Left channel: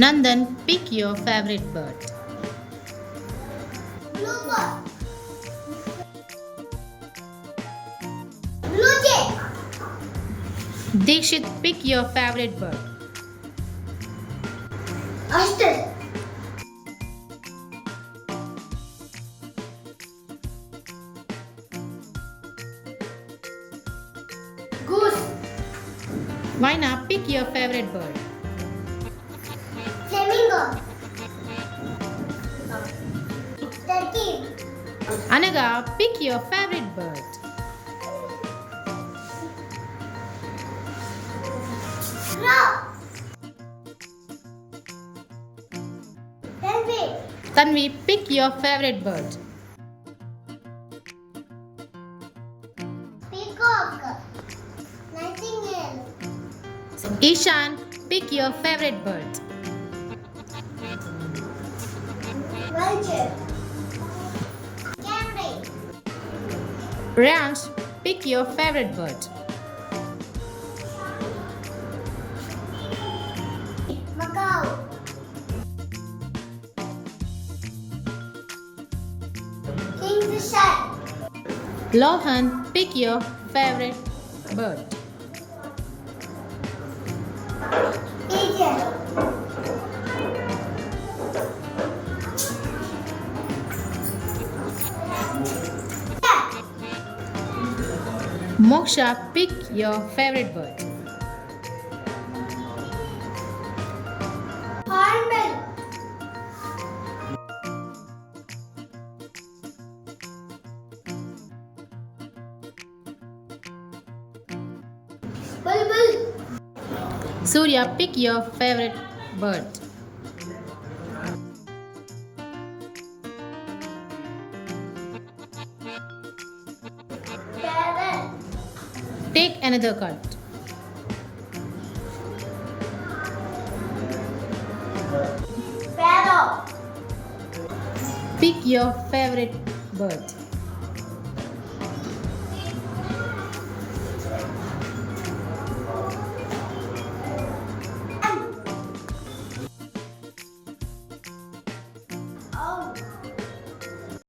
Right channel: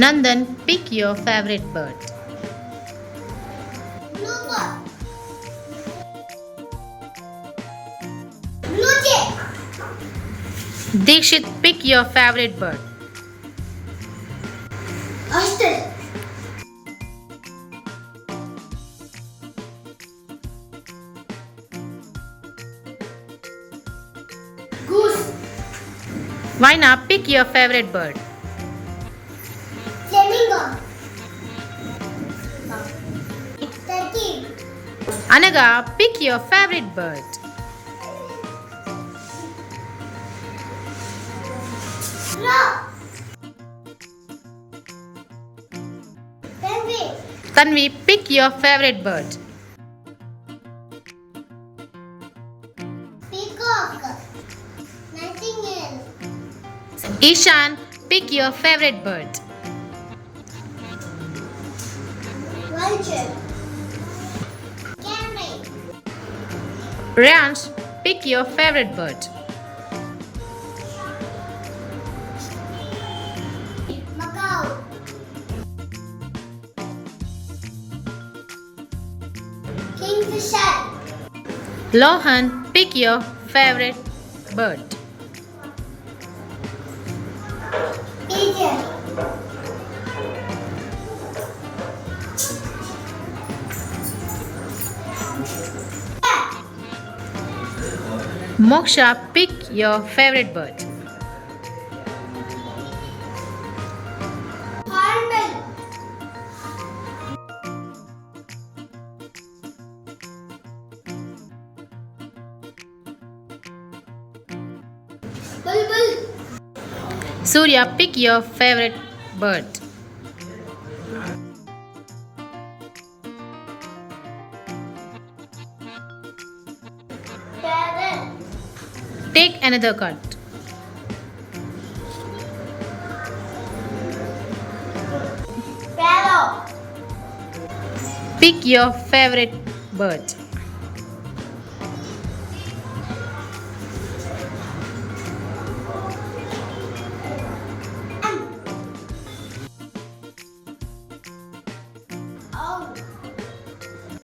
Nandan, pick your favorite bird. Bluebird. Blue jay. Dikshit, pick your favorite bird. Ostrich. Goose. Vaina, pick your favorite bird. Flamingo. Turkey. Anaga, pick your favorite bird. Crow. Penguin. Tanvi, pick your favorite bird. Peacock. Nightingale. Ishan, pick your favorite bird. Vulture. Canary. Ryansh, pick your favorite bird. Macaw. Kingfisher. Lohan, pick your favorite bird. Pigeon. Cat. Moksha, pick your favorite bird. Hornbill. Bulbul. Surya, pick your favorite bird. Parrot. Take another card. Sparrow. Pick your favorite bird.